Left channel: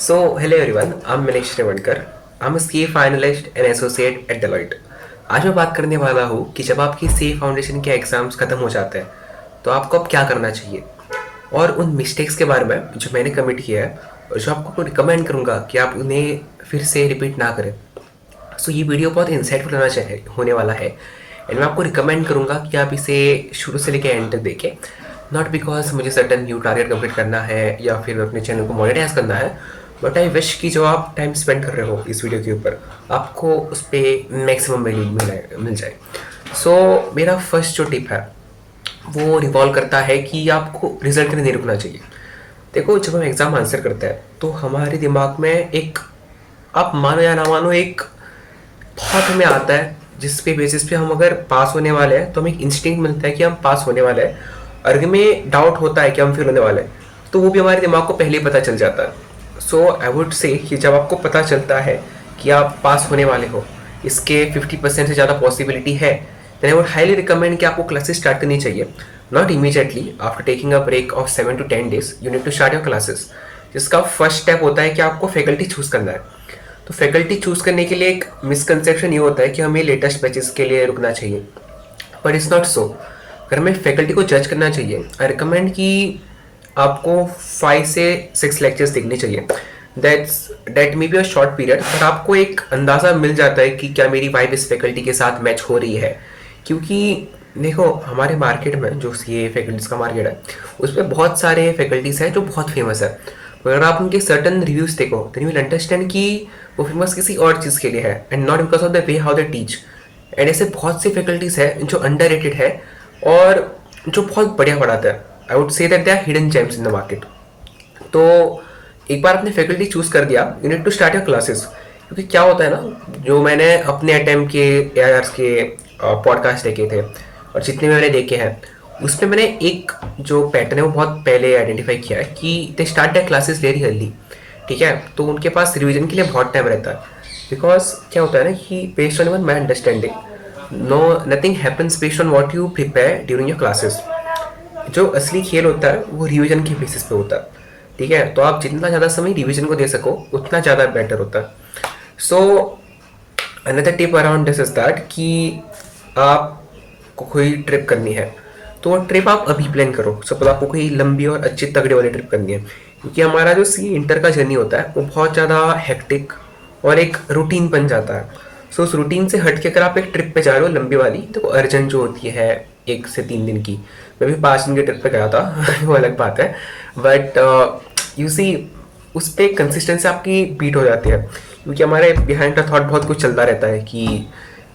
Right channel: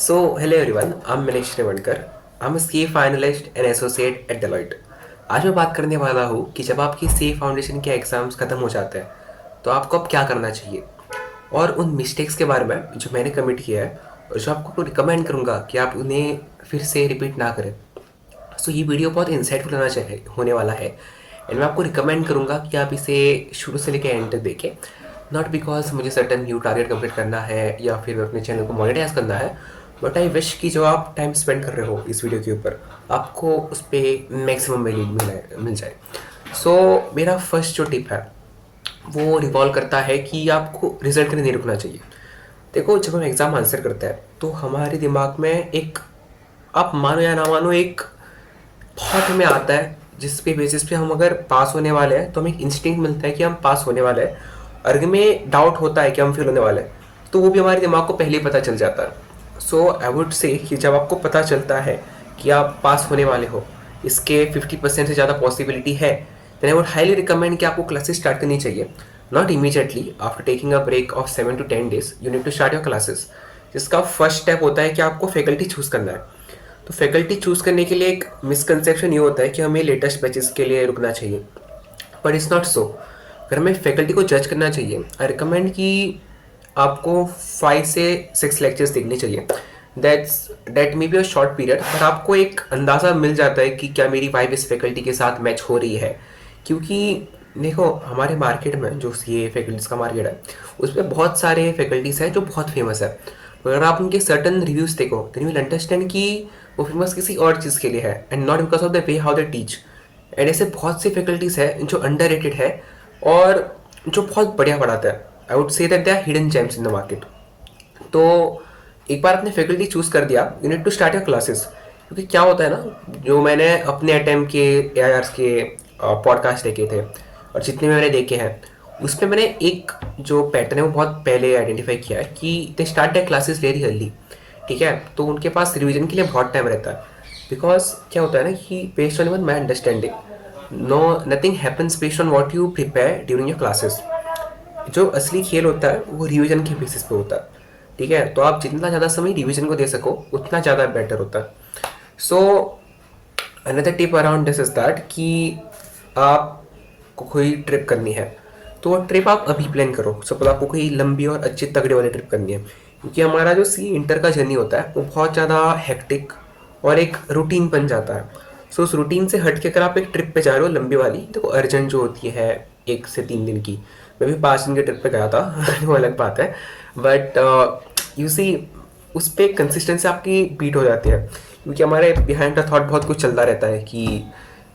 Hello everyone, I'm Manish Revankar. I'm a CA finalist and associate at Deloitte. आज मैं बात करने वाला हूँ कि जब आपकी CA फाउंडेशन के एग्ज़ाम्स ख़त्म हो जाते हैं तो आपको अब क्या करना चाहिए और उन मिस्टेक्स के बारे में जो मैंने कमिट किया है और जो आपको रिकमेंड करूँगा कि आप उन्हें फिर से रिपीट ना करें। ये वीडियो बहुत इंसाइटफुल होने वाला है एंड मैं आपको रिकमेंड करूँगा कि आप इसे शुरू से लेकर एंड तक देखें। नॉट बिकॉज मुझे सर्टन न्यू टारगेट कंप्लीट करना है या फिर अपने चैनल को मोनेटाइज करना है, बट आई विश कि जो आप टाइम स्पेंड कर रहे हो इस वीडियो के ऊपर आपको उस पर मैक्सिमम वैल्यू मिल जाए। मेरा फर्स्ट जो टिप है वो रिवॉल्व करता है कि आपको रिजल्ट के लिए नहीं रुकना चाहिए। देखो, जब हम एग्ज़ाम आंसर करते हैं तो हमारे दिमाग में एक, आप मानो या ना मानो, एक थॉट हमें आता है जिसके बेसिस पे हम अगर पास होने वाले हैं तो हमें एक इंस्टिंक्ट मिलता है कि हम पास होने वाले हैं, और अगर हमें डाउट होता है कि हम फेल होने वाले हैं तो वो भी हमारे दिमाग को पहले ही पता चल जाता है। आई वुड से कि जब आपको पता चलता है कि आप पास होने वाले हो, इसके 50% से ज़्यादा पॉसिबिलिटी है, then I would highly recommend कि आपको क्लासेस स्टार्ट करनी चाहिए। Not immediately after taking a break of 7 to 10 days you need to start your classes, जिसका फर्स्ट स्टेप होता है कि आपको फैकल्टी चूज़ करना है। तो फैकल्टी चूज़ करने के लिए एक मिसकंसेप्शन ये होता है कि हमें लेटेस्ट बैचेस के लिए रुकना चाहिए, बट इट्स नॉट सो। अगर हमें फैकल्टी को जज करना चाहिए, आई रिकमेंड कि आपको 5 से 6 लेक्चर्स देखने चाहिए। That may be a short period, but आपको एक अंदाज़ा मिल जाता है कि क्या मेरी वाइब इस फैकल्टी के साथ मैच हो रही है। क्योंकि देखो, हमारे मार्केट में जो सी ए फैकल्टीज़ का मार्केट है उसमें बहुत सारे फैकल्टीज़ हैं जो बहुत फेमस है। अगर आप उनके सर्टन रिव्यूज़ देखो देन यू विल अंडरस्टैंड कि वो फेमस किसी और चीज़ के लिए है and not because of the way how they teach. And ऐसे बहुत सी फैकल्टीज़ हैं जो अंडररेटेड है और जो बहुत बढ़िया पढ़ाते हैं। I would say that they are hidden gems in the market. तो एक बार आपने फैकल्टी चूज़ कर दिया, you need to start your classes. क्योंकि क्या होता है ना, जो मैंने अपने अटेम्प्ट के एआईआर्स के पॉडकास्ट देखे थे और जितने भी मैंने देखे हैं उसमें मैंने एक जो पैटर्न है वो बहुत पहले आइडेंटिफाई किया है कि they start the classes very early. ठीक है, तो उनके पास रिवीजन के लिए बहुत टाइम रहता है। बिकॉज क्या होता है ना कि based on one my understanding, no nothing happens based on what you prepare during your classes. जो असली खेल होता है वो रिवीजन के बेसिस पे होता है। ठीक है, तो आप जितना ज़्यादा समय रिवीजन को दे सको उतना ज़्यादा बेटर होता है। So another tip around this is that कि आपको कोई ट्रिप करनी है तो ट्रिप आप अभी प्लान करो। सपोज आपको कोई लंबी और अच्छी तगड़े वाली ट्रिप करनी है, क्योंकि हमारा जो सी इंटर का जर्नी होता है वो बहुत ज़्यादा हेक्टिक और एक रूटीन बन जाता है। उस रूटीन से हट के अगर आप एक ट्रिप पे जा रहे हो लंबी वाली, तो अर्जेंट जो होती है 1 से 3 दिन की, मैं भी 5 दिन की ट्रिप पे गया था वो अलग बात है। बट यू सी, उस पर कंसिस्टेंसी आपकी बीट हो जाती है, क्योंकि हमारे बिहाइंड का थॉट बहुत कुछ चलता रहता है कि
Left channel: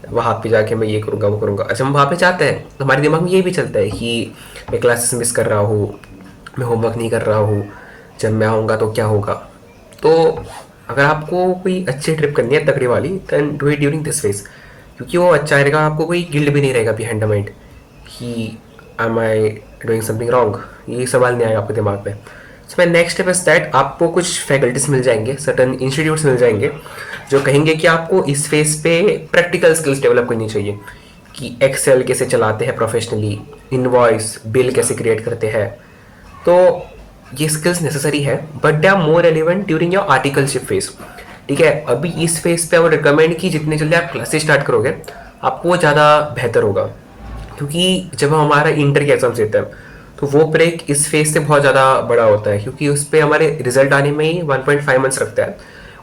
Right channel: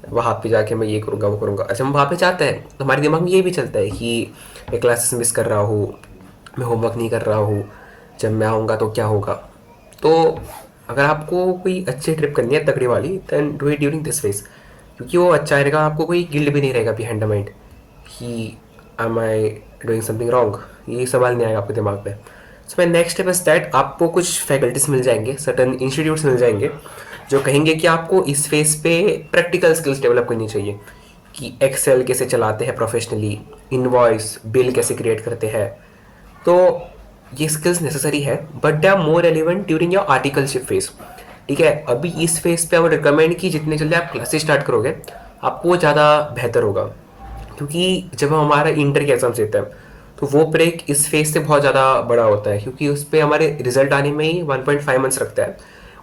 वहाँ पे जाके मैं ये करूँगा वो करूँगा। अच्छा, हम वहाँ पे जाते हैं तो हमारे दिमाग में ये भी चलता है कि मैं क्लासेस मिस कर रहा हूँ, मैं होमवर्क नहीं कर रहा हूँ, जब मैं आऊँगा तो क्या होगा। तो अगर आपको कोई अच्छी ट्रिप करनी है तगड़ी वाली, then do it during this phase, क्योंकि वो अच्छा रहेगा। आपको कोई गिल्ट भी नहीं रहेगा बिहाइंड द माइंड कि am I doing something wrong, ये सवाल नहीं आएगा आपके दिमाग में। My next step is that आपको कुछ फैकल्टीज मिल जाएंगे, सर्टन इंस्टीट्यूट्स मिल जाएंगे जो कहेंगे कि आपको इस फेज पे प्रैक्टिकल स्किल्स डेवलप करनी चाहिए कि एक्सेल कैसे चलाते हैं प्रोफेशनली, इनवॉइस बिल कैसे क्रिएट करते हैं। तो ये स्किल्स नेसेसरी है, but they are more relevant during your articleship phase. ठीक है, अभी इस फेज पे आई वुड रिकमेंड कि जितने जल्दी आप क्लासेस स्टार्ट करोगे आपको वो ज़्यादा बेहतर होगा। क्योंकि जब हम हमारा इंटर के एग्जाम्स देते हैं तो वो ब्रेक इस फेज से बहुत ज़्यादा बड़ा होता है, क्योंकि उस पर हमारे रिजल्ट आने में ही 1.5 मंथ्स रखता है।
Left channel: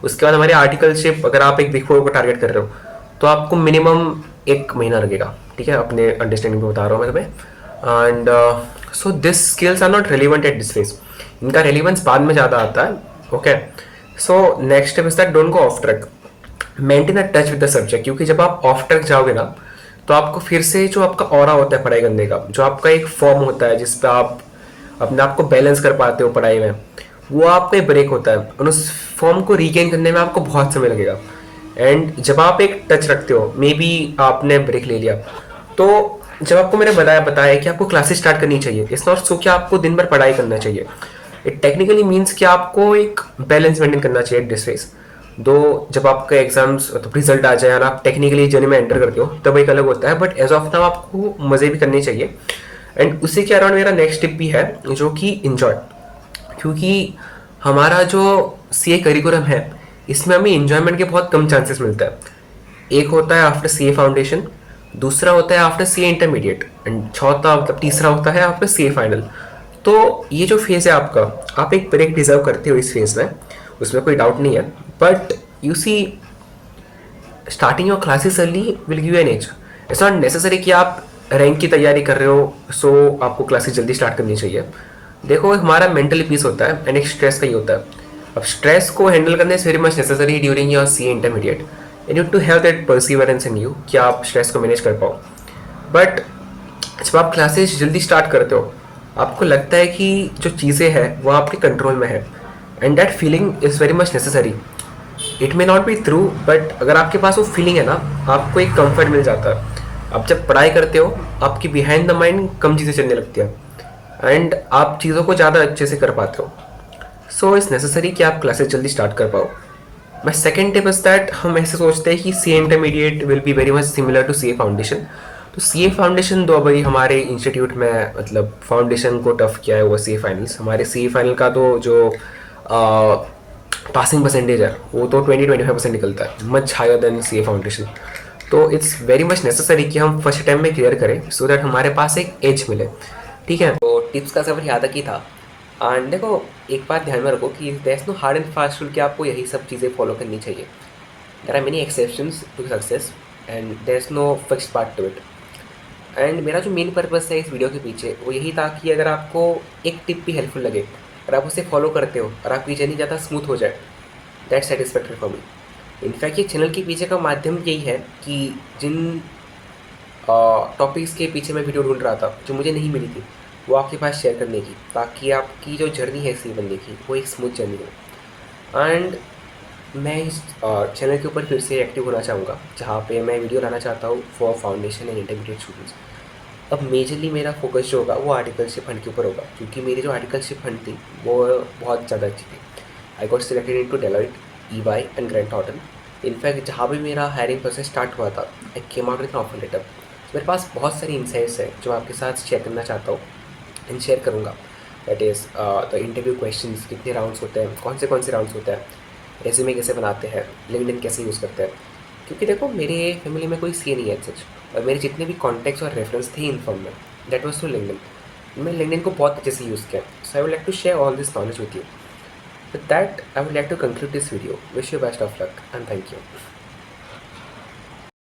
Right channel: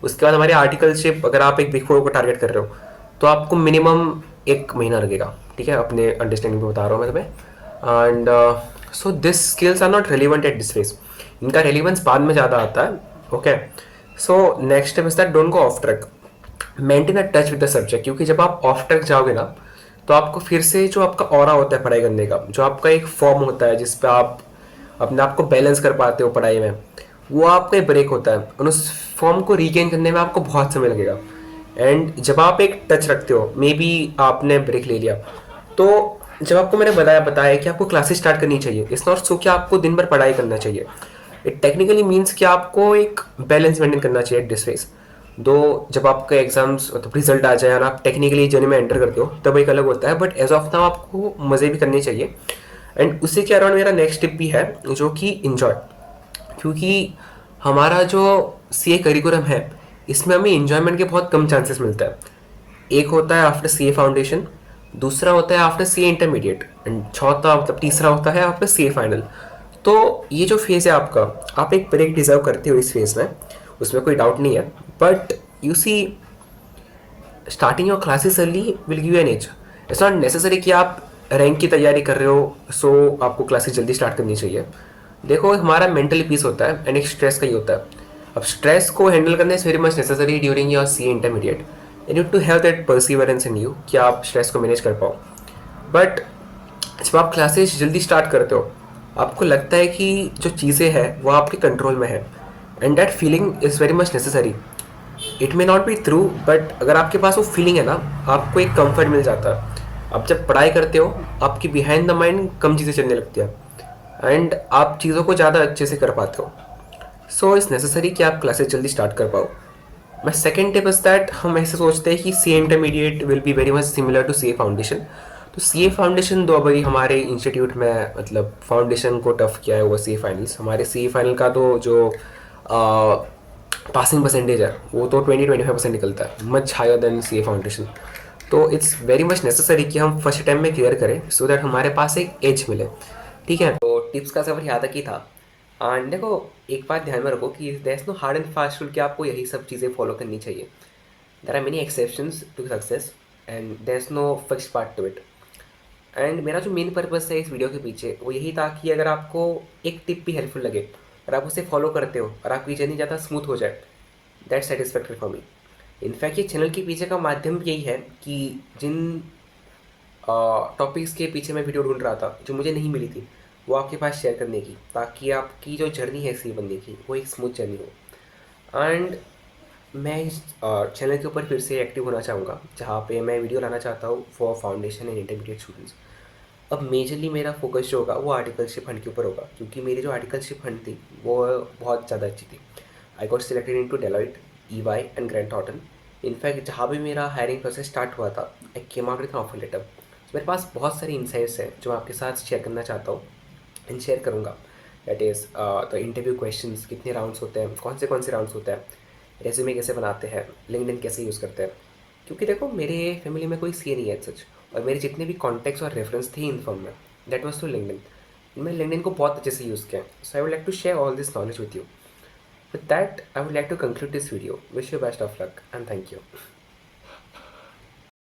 उसके बाद हमारे आर्टिकलशिप, अगर आप एक बिग फोर को टारगेट कर रहे हो तो आपको मिनिमम 1 महीना लगेगा। ठीक है, अपने अंडरस्टैंडिंग में बता रहा हूँ मैं तुम्हें। And so this skills are not relevant at this phase, इनका रेलिवेंस बाद में ज़्यादा आता है। Okay, so next step is that don't go off track, maintain a touch with the subject. क्योंकि जब आप ऑफ ट्रैक जाओगे ना तो आपको फिर से जो आपका ऑरा होता है पढ़ाई करने का, जो आपका एक फॉर्म होता है जिस पे आप अपने आप को बैलेंस कर पाते हो पढ़ाई में, वो आपका ब्रेक होता है और उस फॉर्म को रीगेन करने में आपको बहुत समय लगेगा। एंड जब आप एक टच रखते हो, मे बी आपने ब्रेक ले लिया, तो जब आपको मैंने बताया कि आपको क्लासेस स्टार्ट करनी चाहिए, इट्स नॉट सो कि आपको दिन भर पढ़ाई करना चाहिए। इट टेक्निकली मीन्स कि आपको एक बैलेंस मेंटेन करना चाहिए दिस फेज। दो, जब आपका एग्जाम्स मतलब रिजल्ट आ जाए और आप टेक्निकली जर्नी में एंटर करते हो तब एक अलग होता है, बट एज ऑफ नाउ आपको मज़े भी करने चाहिए। एंड उसी के अराउंड मेरा नेक्स्ट टिप भी है जो कि इन्जॉय। क्योंकि हमारा जो सी ए करिकुलम है, इसमें हमें इन्जॉयमेंट के बहुत कम चांसेस मिलता है। एक होता है आफ्टर सी ए फाउंडेशन, दूसरा होता है after C A intermediate, and चौथा मतलब तीसरा होता है आफ्टर सी ए फाइनल। तो ये जो फेज़ है आपका, आप एक ब्रेक डिजर्व करते हो इस फेज़ में, उसमें कोई डाउट नहीं है। But you see, starting your classes early will give an edge. It's not necessary कि आप रैंक की तैयारी कर रहे हो सो आपको क्लासेस जल्दी स्टार्ट करनी चाहिए। देखो, हमारा मेंटली पीस होता है एंड एक स्ट्रेस का ही होता है। अब स्ट्रेस को हैंडल करने is very much necessary during your C intermediate. You need to have that perseverance in you कि आप स्ट्रेस को मैनेज कर पाओ। बट जब आप क्लासेस जल्दी स्टार्ट करते हो, आपको लगता है कि जो चीज़ें हैं वो आपके कंट्रोल में है, and that feeling is very much necessary. It may not be true, but अगर आपके पास वो फीलिंग है ना, आपको एक कंफर्ट मिल जाता है। आप जब पढ़ाई करते हो, आपकी बिहाइंड द माइंड कम चीज़ें चलने लगती हैं एंड आप चीज़ों को ज़्यादा अच्छे से कर पाते हो। सो इट्स नेसेसरी कि आप क्लासेस जल्दी स्टार्ट कर पाओ। My second tip is that हम ऐसे सोचते हैं कि C intermediate will be very much similar to C A foundation. तो सी ए फाउंडेशन तो अभी हमारे इंस्टीट्यूट में मतलब फाउंडेशन को टफ किया है वो सी ए फाइनल्स। हमारे सी ए फाइनल का तो जो पासिंग परसेंटेज है वो तो 20-25% निकलता है, much higher than C A foundation. तो इट्स वेरी मच नेसेसरी कि हम फर्स्ट टाइम में क्लियर करें सो दैट हमारे पास एक एज मिले। ठीक है, तो टिप्स का सफ़र यहाँ तक ही था। एंड देखो, एक बात ध्यान में रखो कि there is no hard and fast rule कि आपको यही सब चीज़ें फॉलो करनी चाहिए। There are many exceptions to success and there is no fixed part to it. And मेरा जो मेन पर्पस है इस वीडियो के पीछे वो यही था कि अगर आपको एक टिप भी हेल्पफुल लगे और आप उसे फॉलो करते हो और आपकी जर्नी ज़्यादा स्मूथ हो जाए, that satisfactory for me. In fact ये चैनल के पीछे का माध्यम यही है कि जिन टॉपिक्स के पीछे मैं वीडियो ढूंढ रहा था जो मुझे नहीं मिली थी, वो आपके पास शेयर करने की, ताकि आपकी जो जर्नी है सी बनने की वो एक स्मूथ जर्नी हो। एंड मैं इस चैनल के ऊपर फिर से एक्टिव होना चाहूँगा जहाँ पे मैं वीडियो लाना चाहता हूँ for foundation and intermediate students. अब मेजरली मेरा फोकस जो होगा वो आर्टिकलशिप फंड के ऊपर होगा, क्योंकि मेरी जो आर्टिकलशिप फंड थी वो बहुत ज़्यादा अच्छी थी। I got selected in to Deloitte, EY and Grant Thornton. In fact जहाँ भी मेरा हायरिंग प्रोसेस स्टार्ट हुआ था, I came out with an offer letter. मेरे पास बहुत सारी इंसाइट्स हैं जो आपके साथ शेयर करना चाहता हूँ एंड शेयर करूँगा। That is the interview questions, कितने राउंड्स होते हैं, कौन से राउंड्स होते हैं, रेज्यूमे कैसे बनाते हैं, लिंक्डइन कैसे यूज़ करते हैं। क्योंकि देखो, मेरे फैमिली में कोई सी नहीं है सच, और मेरे जितने भी कॉन्टैक्ट्स और रेफरेंस थे इन फॉर्म में, दैट वाज थ्रू लिंक्डइन। मैं लिंक्डइन को बहुत अच्छे से यूज़ किया। So I would like to share all this knowledge with you. With that I would like to conclude this video. Wish you best of luck and thank you.